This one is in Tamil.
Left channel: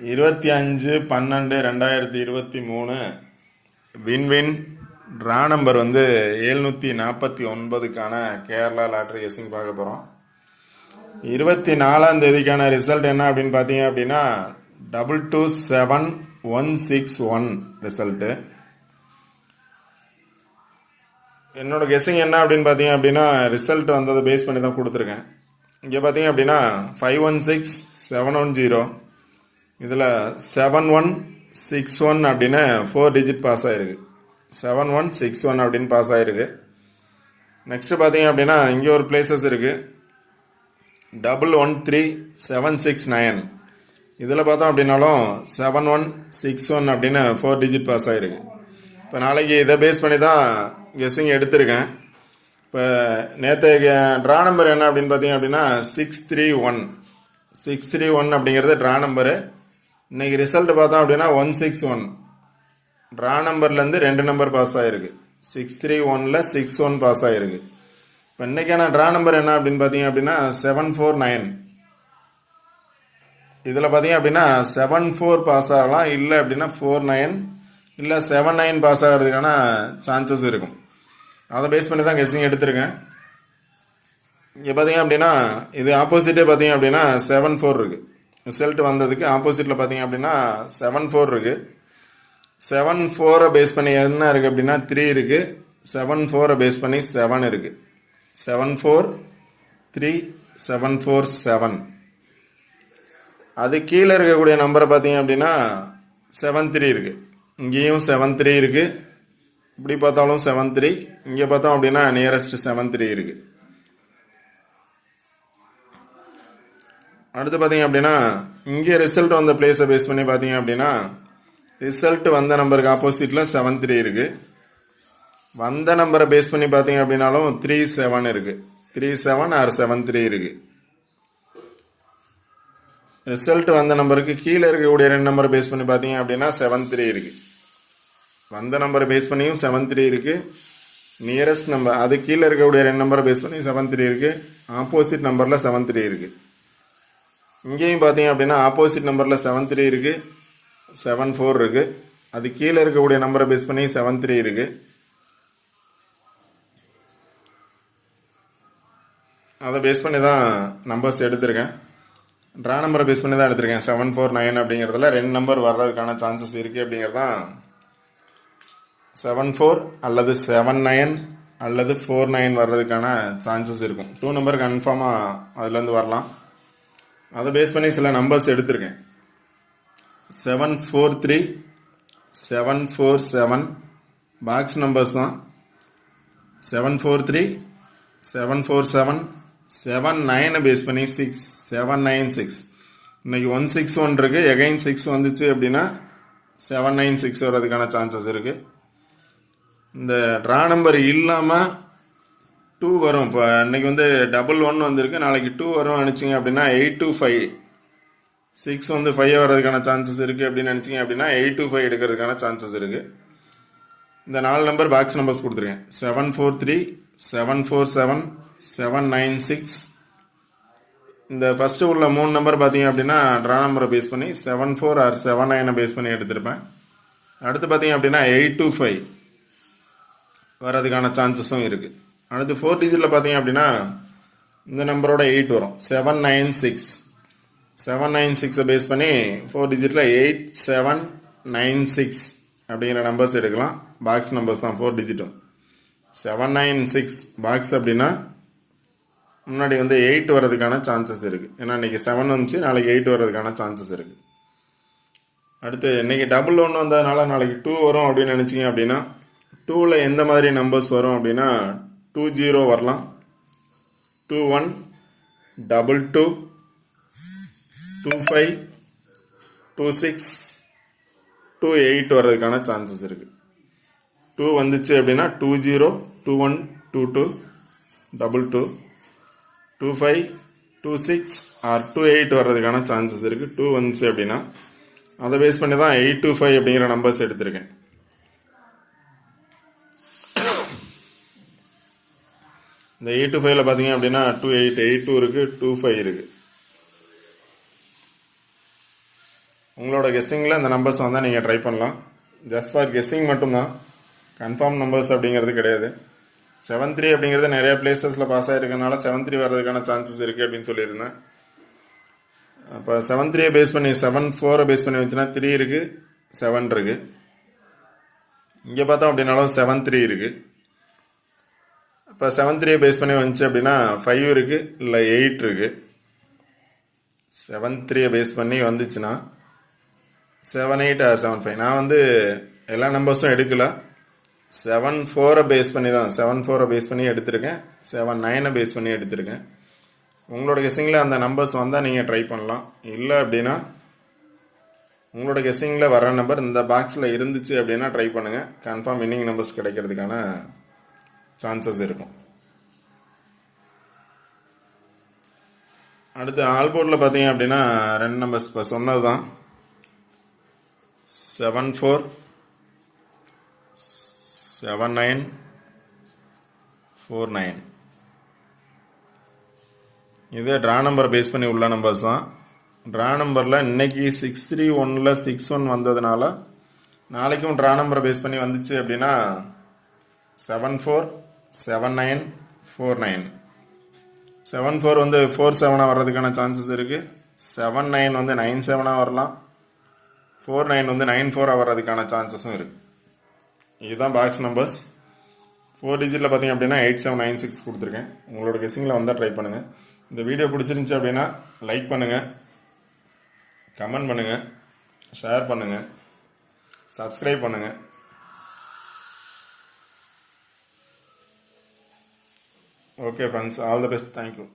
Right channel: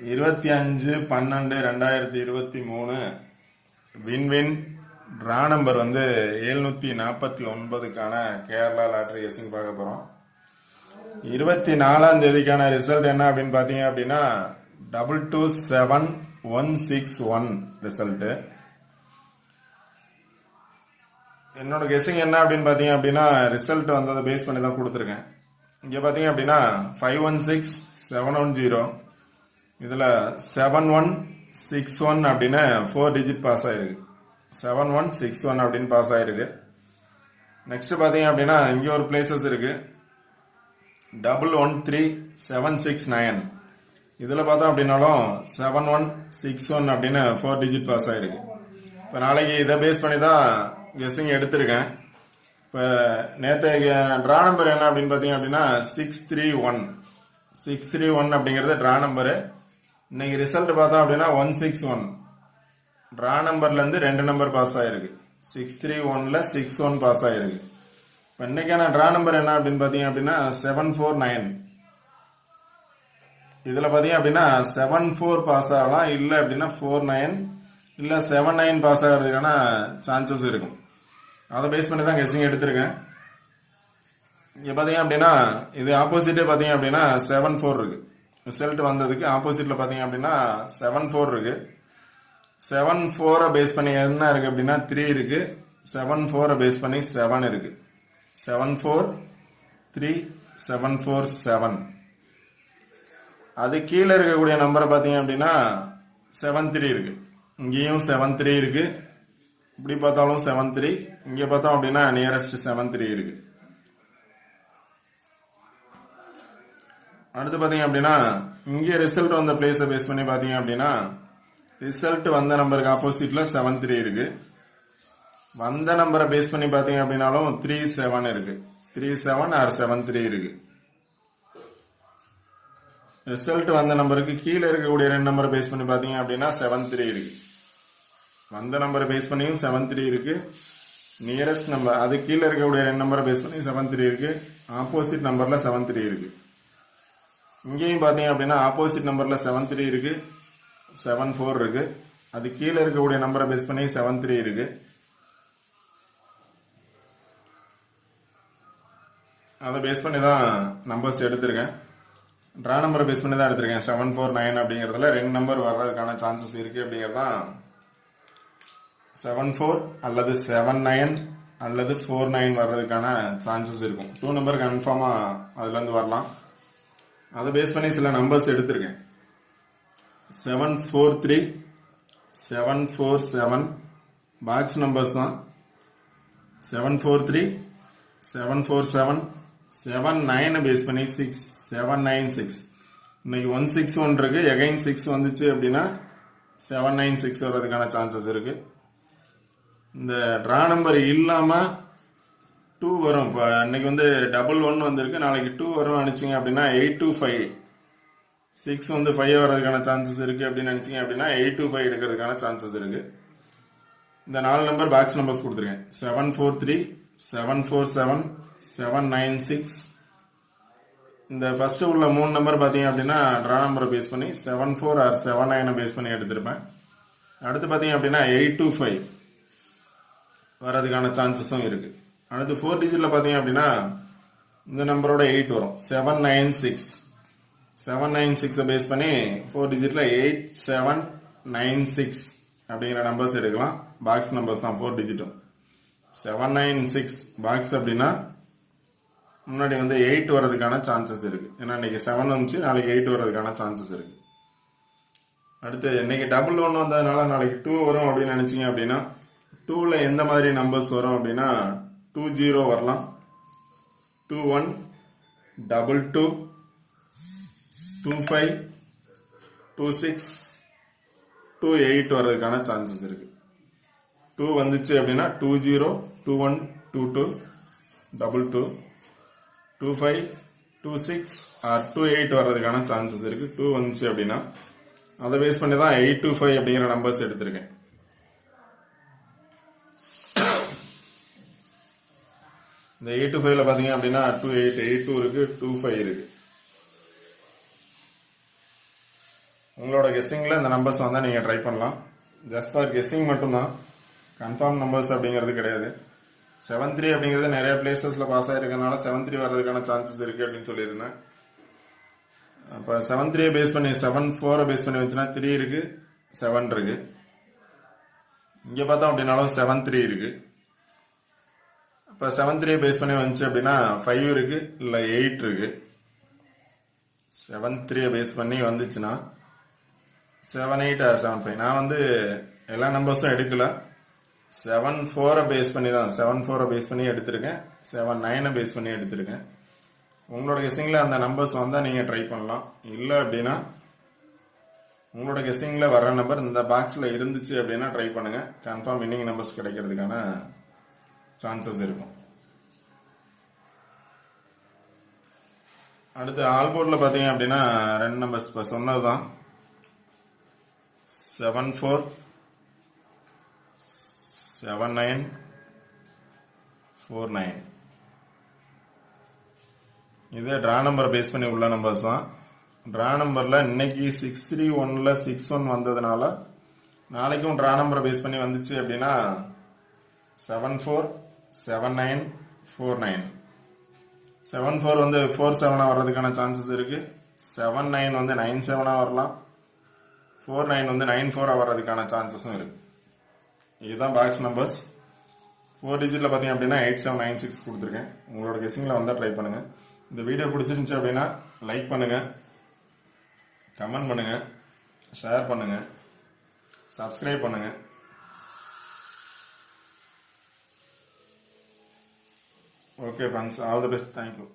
25/12/2023 வின்வின் ட்ரா நம்பர் 749க்கான கேரளா லாட்ரி கெஸிங் பார்க்க போகிறோம். 24ஆம் தேதிக்கான ரிசல்ட் என்ன அப்படின்னு பார்த்தீங்க அப்படின்னா 227161 ரிசல்ட்டு. என்னோட கெஸிங் என்ன அப்படின்னு பார்த்தீங்க அப்படின்னா ரிசல்ட் வந்ததை பேஸ் பண்ணி தான் கொடுத்துருக்கேன். இங்கே பார்த்தீங்க அப்படின்னா 516710 இதில் 7161 அப்படின்னு 4 டிஜிட் பாஸ் ஆகிருக்கு. 7161 அப்படின்னு பாஸ் ஆகிருக்கு. நெக்ஸ்ட்டு பார்த்தீங்க அப்படின்னா இங்கே ஒரு பிளேசஸ் இருக்குது 113769. இதில் பார்த்தோம் அப்படின்னாலும் 7161 அப்படின்னு 4 டிஜிட் பாஸ் ஆகிருக்கு. இப்போ நாளைக்கு இதை பேஸ் பண்ணி தான் கெஸ்ஸிங் எடுத்திருக்கேன். இப்போ நேற்று ட்ரா நம்பர் என்ன அப்படின்னு பார்த்தீங்க அப்படின்னா 631 அப்படிங்கிறது ட்ரா நம்பரு. இன்னைக்கு ரிசல்ட் பார்த்தோம் அப்படின்னா 161. ட்ரா நம்பர்லேருந்து 2 நம்பர் பாஸ் ஆகிருக்கு. 631ல் 61 பாஸ் ஆகிருக்கு. இப்போ இன்றைக்கான ட்ரா நம்பர் என்ன அப்படின்னு பார்த்தீங்க அப்படின்னா 749. இதில் பார்த்தீங்க அப்படின்னா 74 பாஸ் ஆகலாம், இல்லை அப்படின்னா 49 இல்லை 79 பாஸ் ஆகிறதுக்கான சான்சஸ் இருக்கும். அதை பேஸ் பண்ணி தான் கெஸ்ஸிங் எடுத்திருக்கேன். இங்கே பார்த்தீங்க அப்படின்னா இது ஆப்போசிட்டே பார்த்தீங்க அப்படின்னா 74 இருக்குது. ரிசல்ட் வந்ததுக்கு ஆப்போசிட்டில் பார்த்தீங்க அப்படின்னா 74 இருக்குது. 74 பேஸ் பண்ணி என்ன இருக்குது அப்படின்னா 3 இருக்குது. 74 பேஸ் பண்ணி 7 இருக்குது. 74374 அது கீழே இருக்கக்கூடிய நம்பரை பார்த்தீங்க அப்படின்னா 73 இருக்குது. இங்கேயும் 73 இருக்குது. இப்படி பார்த்தாலும் 73. இங்கே பார்த்தோம் அப்படின்னா நியரஸ்ட் 73 இருக்குது. அடுத்து பார்த்தீங்க அப்படின்னா இங்கே ரிசல்ட் வந்த பிளேஸை பேஸ் பண்ணி பார்த்தீங்க அப்படின்னா ரிசல்ட் வந்த நம்பருக்கு ஆப்போசிட்டில் 73 இருக்குது. வந்த நம்பரை பேஸ் பண்ணி பார்த்தீங்க அப்படின்னாலும் 37 இருக்குது. 37 ஆர் 73 இருக்குது. ரிசல்ட் வந்த நம்பருக்கு கீழே இருக்கக்கூடிய 2 நம்பரை பேஸ் பண்ணி பார்த்தீங்க அப்படின்னா 73 இருக்குது. வந்த நம்பரை பேஸ் பண்ணியும் 73 இருக்குது. நியரஸ்ட் நம்பர் அது கீழே இருக்கக்கூடிய 2 நம்பரை பேஸ் பண்ணி 73 இருக்குது. ஆப்போசிட் நம்பரில் 73 இருக்குது. இங்கேயும் பார்த்தீங்க அப்படின்னா ஆப்போசிட் நம்பரில் 73 இருக்குது. 74 இருக்குது. அது கீழே இருக்கக்கூடிய நம்பரை பேஸ் பண்ணி 73 இருக்குது. அதை பேஸ் பண்ணி தான் நம்பர்ஸ் எடுத்திருக்கேன். ட்ரா நம்பரை பேஸ் பண்ணி தான் எடுத்திருக்கேன். 749 அப்படிங்கிறதுல 2 நம்பர் வர்றதுக்கான சான்சஸ் இருக்குது. அப்படிங்கிறது தான் 74 அல்லது 79 அல்லது 49 வர்றதுக்கான சான்சஸ் இருக்கும். 2 நம்பர் கன்ஃபார்மாக அதுலேருந்து வரலாம். அதை பேஸ் பண்ணி சில நம்பர்ஸ் எடுத்திருக்கேன். 743 747 பாக்ஸ் நம்பர்ஸ் தான். 743 747 79 பேஸ் பண்ணி 796. இன்னைக்கு 161 இருக்கு. எகைன் 6 வந்துச்சு அப்படின்னா 796 வர்றதுக்கான சான்சஸ் இருக்கு. இந்த ட்ரா நம்பர் இல்லாமல் 2 வரும். இப்போ இன்னைக்கு 11 வந்திருக்கு. நாளைக்கு 2 வரும் நினச்சிங்க அப்படின்னா 825. 6 5 வர்றதுக்கான சான்சஸ் இருக்குது அப்படின்னு நினச்சிங்க அப்படின்னா 825 எடுக்கிறதுக்கான சான்சஸ் இருக்குது. இந்த 4 நம்பர் பாக்ஸ் நம்பர்ஸ் கொடுத்துருக்கேன். 743 747 796. இந்த ஃபஸ்ட்டு உள்ள 3 நம்பர் பார்த்தீங்க அப்படின்னா ட்ரா நம்பரை பேஸ் பண்ணி 74 ஆர் 79 பேஸ் பண்ணி எடுத்திருப்பேன். அடுத்து பார்த்தீங்க அப்படின்னா 825 வர்றதுக்கான சான்சஸும் இருக்குது. அடுத்து 4 டிஜிட்டில் பார்த்தீங்க அப்படின்னா இந்த நம்பரோட 8 வரும். 796. 796 பேஸ் பண்ணி 4 டிஜிட்டில் 8796 அப்படிங்கிற நம்பர்ஸ் எடுக்கலாம். பாக்ஸ் நம்பர்ஸ் தான் 4 டிஜிட்டும். 796 பாக்ஸ் அப்படின்னா முன்னாடி 8 வர்றதுக்கான சான்சஸ் இருக்குது. ஏன்னா இன்றைக்கி 7 வந்துச்சு, நாளைக்கு 8 வர்றதுக்கான சான்சஸ் இருக்குது. அடுத்து இன்றைக்கி 11 வந்ததுனால நாளைக்கு 2 வரும் அப்படின்னு நினச்சிங்க அப்படின்னா 2ல் எந்த மாதிரி நம்பர்ஸ் வரும் அப்படின்னா 20 வரலாம், 21 22 25 26 28 வர்றதுக்கான சான்சஸ் இருக்குது. 2 வந்துச்சு அப்படின்னா 20 21 22 22 25 26 ஆர் 28 வர்றதுக்கான சான்சஸ் இருக்குது. 2 வந்துச்சு அப்படின்னா அதை பேஸ் பண்ணி தான் 825 அப்படிங்கிற நம்பர்ஸ் எடுத்திருக்கேன். இந்த 825ல் பார்த்தீங்க அப்படின்னா 28 82 இருக்குது, 25 இருக்குது. உங்களோட கெஸ்ஸிங்கில் இந்த நம்பர்ஸ் வந்தால் நீங்கள் ட்ரை பண்ணலாம். ஜஸ்ட் ஃபார் கெஸ்ஸிங் மட்டும்தான், கன்ஃபார்ம் நம்பர்ஸ் அப்படிங்கிறது கிடையாது. 7-3 அப்படிங்கிறது நிறைய பிளேசஸில் பாஸ் ஆகிருக்கனால 7-3 வர்றதுக்கான சான்சஸ் இருக்குது அப்படின்னு சொல்லியிருந்தேன். அப்போ 7-3 பேஸ் பண்ணி 7-4 பேஸ் பண்ணி வச்சுன்னா 3 இருக்குது, 7 இருக்குது. இங்கே பார்த்தோம் அப்படின்னாலும் 7-3 இருக்குது. இப்போ 7-3 பேஸ் பண்ணி வந்துச்சு அப்படின்னா 5 இருக்குது, இல்லை 8 இருக்குது. 7-3 பேஸ் பண்ணி வந்துச்சுன்னா 7-8 ஆர் 7-5. நான் வந்து எல்லா நம்பர்ஸும் எடுக்கல, 7-4 பேஸ் பண்ணி தான், 7-4 பேஸ் பண்ணி எடுத்திருக்கேன், 7-9 பேஸ் பண்ணி எடுத்திருக்கேன். உங்களோட கெஸ்ஸிங்கில் அந்த நம்பர்ஸ் வந்தால் நீங்கள் ட்ரை பண்ணலாம். இல்லை அப்படின்னா உங்களோட கெஸ்ஸிங்கில் வர நம்பர் இந்த பாக்ஸில் இருந்துச்சு அப்படின்னா ட்ரை பண்ணுங்கள். கன்ஃபார்ம் வின்னிங் நம்பர்ஸ் கிடைக்கிறதுக்கான சான்சஸ் இருக்கும். அடுத்து ஆல்போர்டில் பார்த்தீங்க அப்படின்னா 2 நம்பர்ஸ் இப்போ சொன்னது தான், 7-4, 7-9, 4-9. இது ட்ரா நம்பரை பேஸ் பண்ணி உள்ள நம்பர்ஸ் தான். ட்ரா நம்பரில் இன்னைக்கு 6-3-1ல் 6-1 வந்ததுனால நாளைக்கும் ட்ரா நம்பரை பேஸ் பண்ணி வந்துச்சு அப்படின்னா 7-4, 7-9, 4-9. 7-4 வந்து 4-7 வர்றதுக்கான சான்சஸ் இருக்குது. 7-9 வந்து 9-7 வரலாம். 4-9 வந்து 9-4 வர்றதுக்கான சான்சஸும் இருக்குது. இதுதான் பாக்ஸ் நம்பர்ஸ். 4 டிஜிட்டில் பார்த்தீங்க அப்படின்னா 8796 கொடுத்துருக்கேன். உங்களோட கெஸ்ஸிங்கில் வந்தால் ட்ரை பண்ணுங்கள். இந்த வீடியோ பிடிச்சிருந்துச்சி அப்படின்னா லைக் பண்ணுங்கள், கமெண்ட் பண்ணுங்கள், ஷேர் பண்ணுங்கள், சப்ஸ்கிரைப் பண்ணுங்கள். Okay friends, all the best, thank you.